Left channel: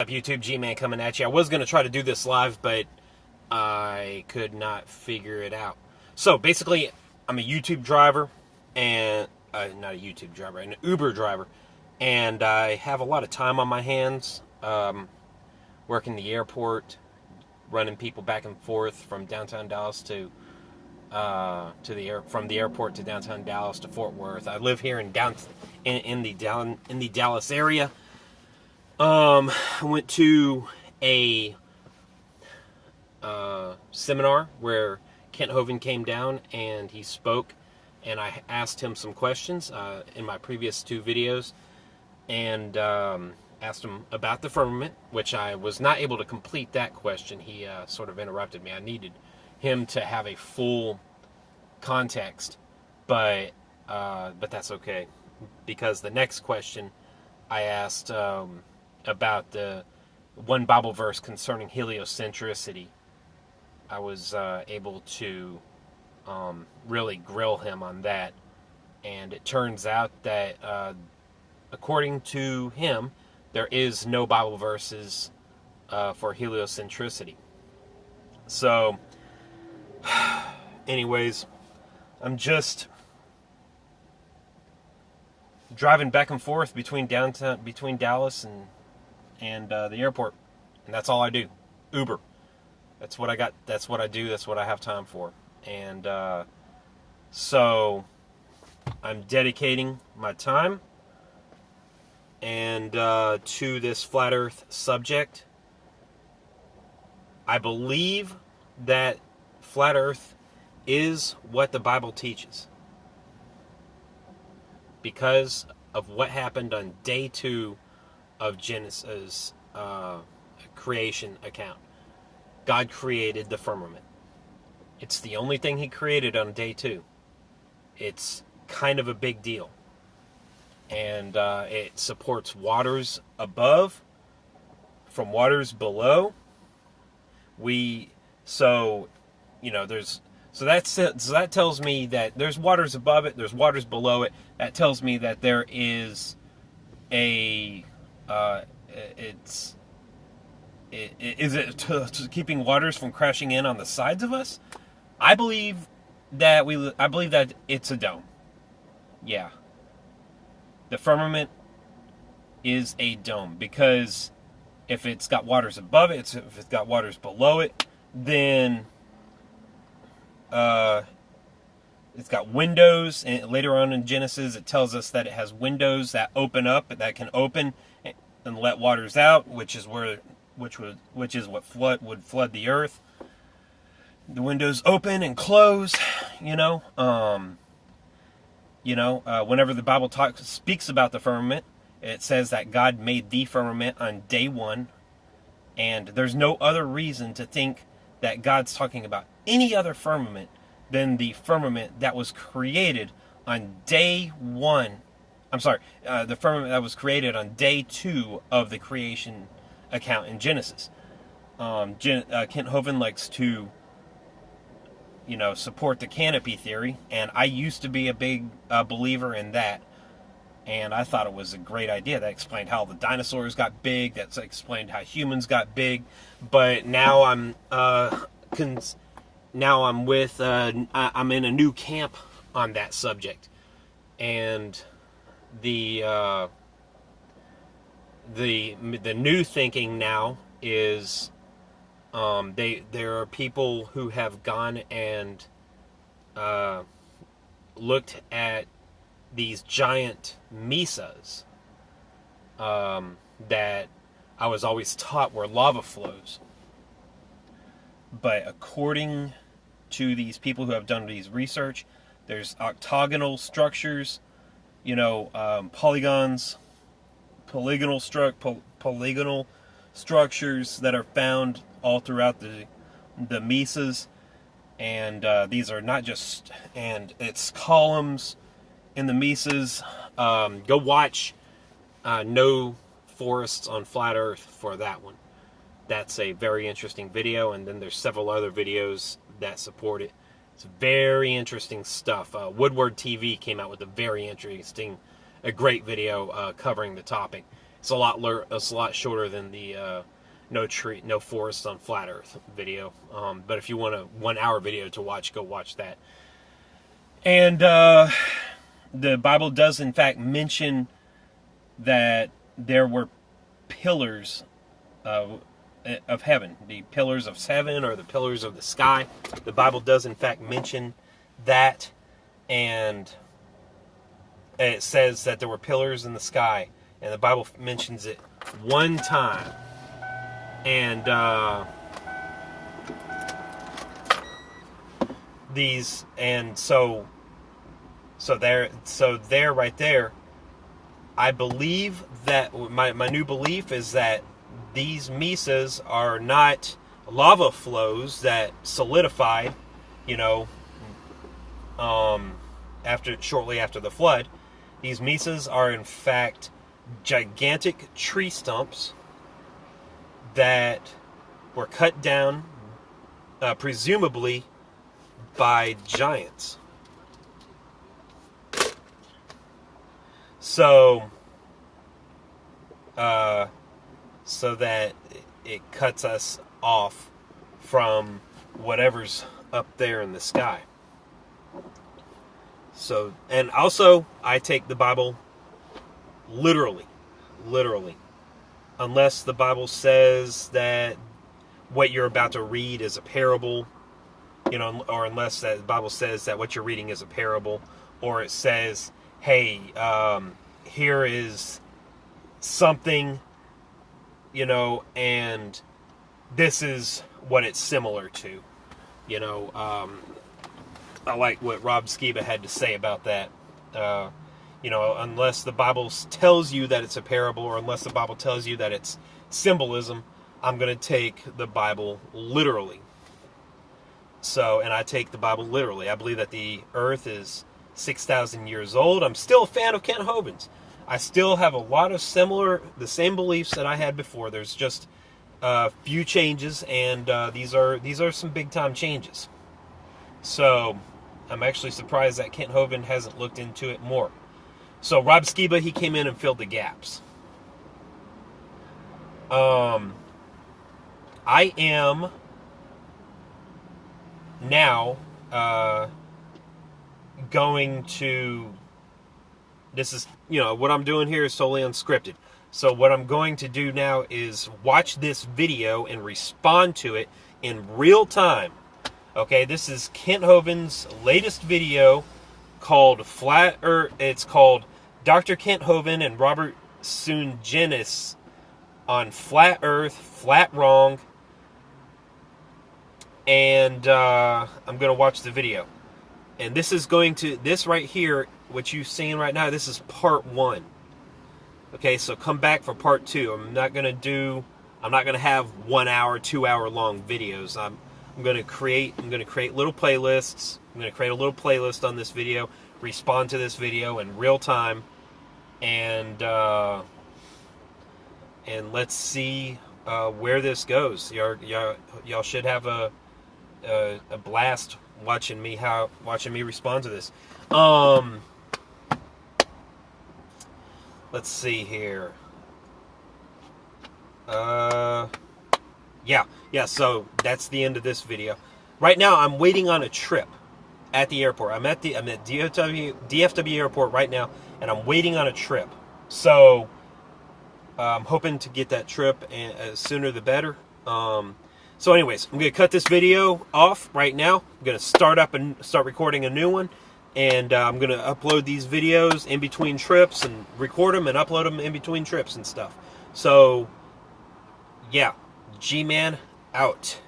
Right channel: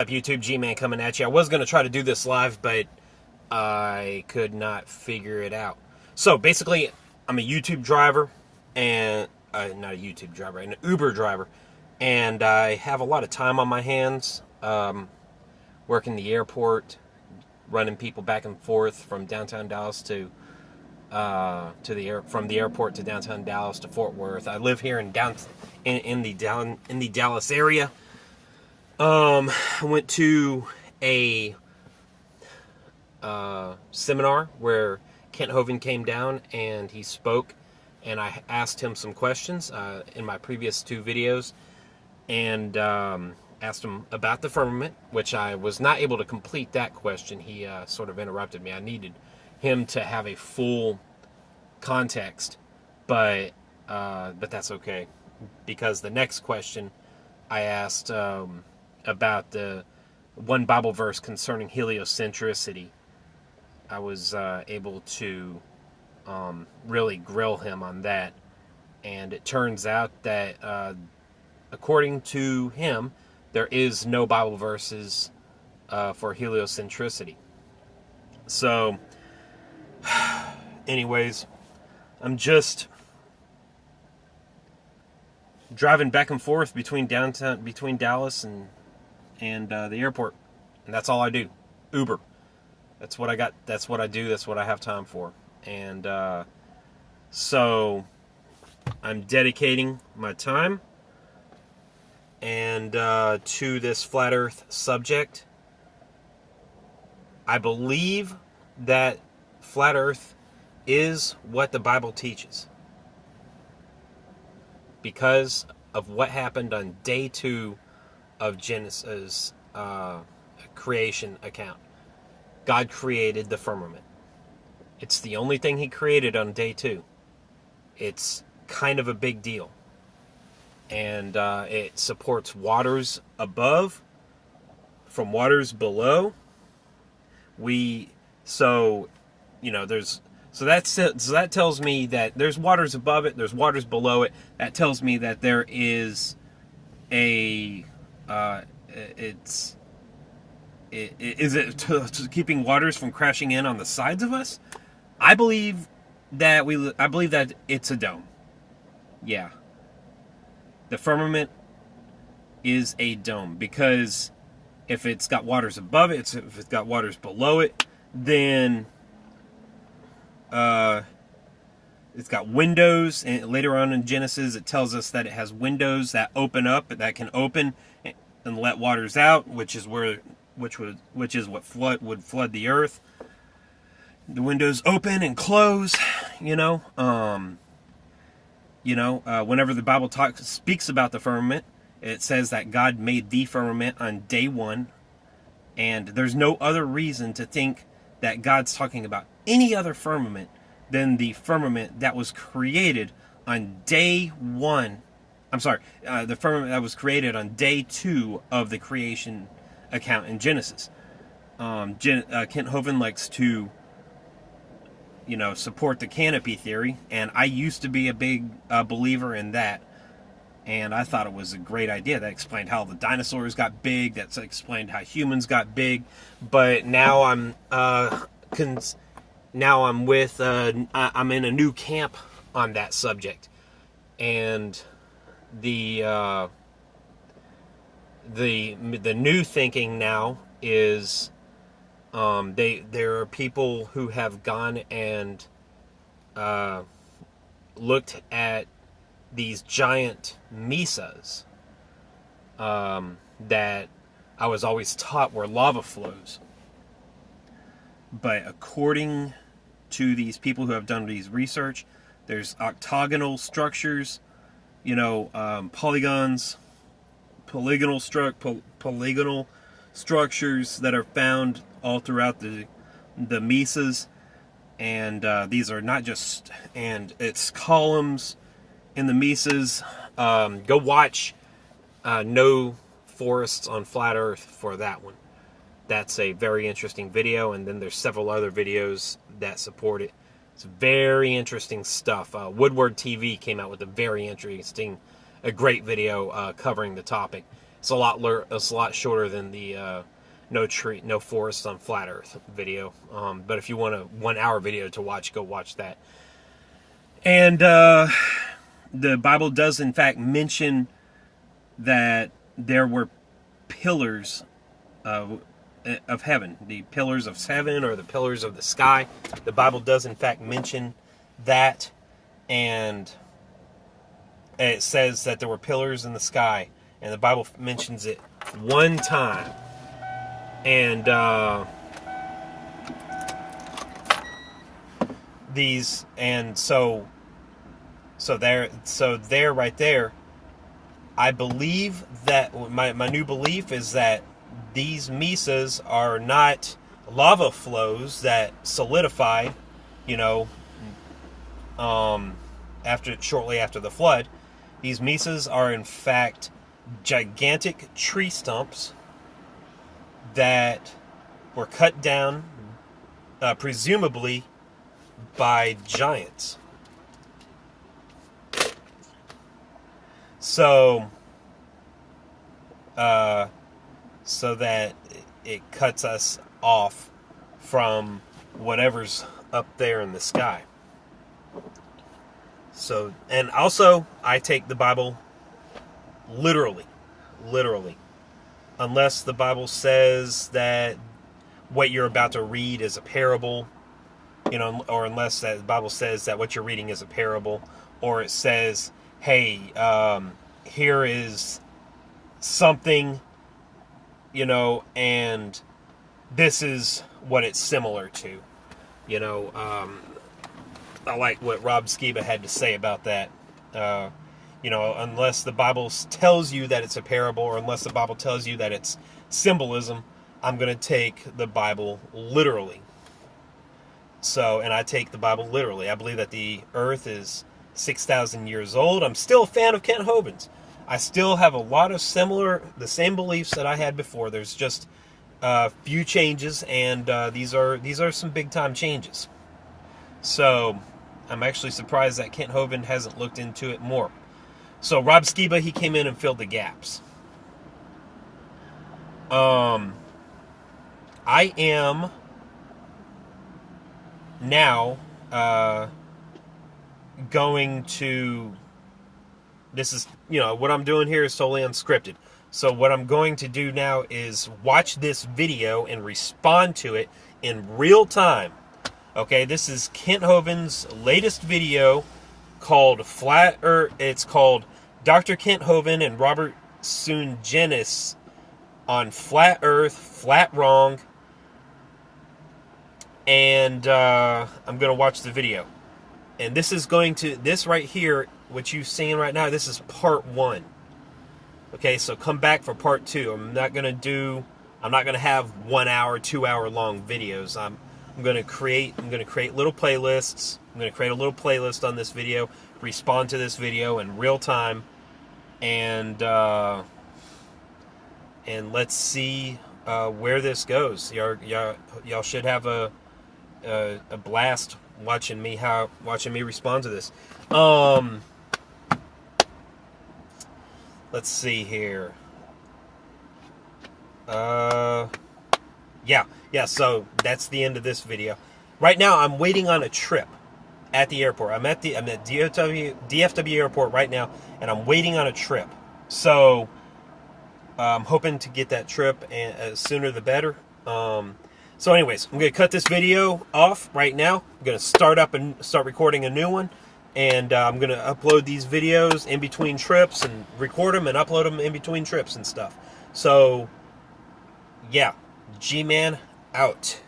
Up YouTube, G-Man coming at you. I was going to try to do this live, but I could not figure it out. So basically, I'm a YouTube driver, and not a YouTube driver, an Uber driver, and I have a lot of time on my hands, working the airport, running people back and forth from downtown Dallas from the airport to downtown Dallas to Fort Worth. I live here in the Dallas area. I went to a seminar where Kent Hovind came down and he spoke, and I asked him some questions in my previous two videos, and asked him about the firmament, which I was not able to complete that question. He sort of interrupted me. I needed him to have a full context, but that's okay, because the next question I asked about the one Bible verse concerning heliocentricity. I was able to really grill him on that, and it turns out that according to him, there is no Bible verses for heliocentricity. So, anyways, I'm just driving back and forth between Dallas and the airport, and that's all I do. Uber. That's what I got. That's what I do. That's what I have time for. And so I'm dedicating my time and to this flat Earth subject. I believe that flat Earth is what the Bible teaches, because of what happened on day 2 of Genesis creation account. God created the firmament. It's the only thing he created on day 2. It's kind of a big deal. And it supports waters above from waters below. So that tells me that there's waters above it, there's waters below it. That tells me that there is is it keeping waters from crashing in on the sides of us? I believe that it's a dome. Yeah. The firmament is a dome, because if it's got waters above it, if it's got waters below it, then it's got windows, and later on in Genesis it tells us that it has windows that open up, that can open and let waters out, which is what would flood the earth. The windows open and close, whenever the Bible speaks about the firmament, it says that God made the firmament on day 1, and there's no other reason to think that God's talking about any other firmament than the firmament that was created on day 1. The firmament that was created on day 2 of the creation account in Genesis. Kent Hovind likes to, support the canopy theory, and I used to be a big believer in that, and I thought it was a great idea. That explained how the dinosaurs got big. That explained how humans got big. But now I'm in a new camp on that subject, and the new thinking now is there are people who have gone and looked at these giant mesas that I was always taught were lava flows. But according to these people who have done these research, there's octagonal structures, polygonal structures that are found all throughout the mesas, and these are not just, and it's columns in the mesas. Go watch No Forests on Flat Earth for that one. That's a very interesting video, and then there's several other videos that support it. It's very interesting stuff. Woodward TV came out with a great video covering the topic. It's a lot shorter than the no forest on flat Earth video. But if you want a 1 hour video to watch, go watch that. And the Bible does in fact mention that there were pillars of heaven, the pillars of heaven or the pillars of the sky. The Bible does in fact mention that, and it says that there were pillars in the sky, and the Bible mentions it one time. And so there right there, I believe that my new belief is that these mesas are not lava flows that solidify, shortly after the flood. These mesas are in fact gigantic tree stumps that were cut down, presumably by giants. So that it cuts us off from whatever's up there in the sky. So, and also, I take the Bible literally, unless the Bible says that what you're about to read is a parable, or unless the Bible says that what you're reading is a parable, or it says, hey, here is something, and this is what it's similar to. I like what Rob Skiba had to say about that. Unless the Bible tells you that it's a parable, or unless the Bible tells you that it's symbolism, I'm going to take the Bible literally. So, and I take the Bible literally. I believe that the earth is 6,000 years old. I'm still a fan of Kent Hovind's. I still have a lot of the same beliefs that I had before. There's just a few changes, and these are some big time changes. So, I'm actually surprised that Kent Hovind hasn't looked into it more. So, Rob Skiba, he came in and filled the gaps. I am now going to, this is, what I'm doing here is totally unscripted. So what I'm going to do now is watch this video and respond to it in real time. Okay, this is Kent Hovind's latest video called Flat Earth. It's called Dr. Kent Hovind and Robert Sungenis on Flat Earth, Flat Wrong. And I'm going to watch the video. And this right here, what you're seeing right now, this is part 1. Okay, so come back for part 2. I'm not going to have 1 hour, 2 hour long videos. I'm going to create little playlists. I'm going to create a little playlist on this video, respond to this video in real time, and let's see where this goes. Y'all should have a blast watching me respond to this. Let's see here. Yeah, so that's the end of this video. Right now, I'm waiting on a trip at the airport. I'm at DFW airport right now, and I'm waiting on a trip. So, I'm hoping to get that trip, and sooner the better. So anyways, I'm going to cut this video off right now. I'm going to start recording a new one. And I'm going to upload these videos in between trips and record them and upload them in between trips and stuff. So, yeah. G-Man out.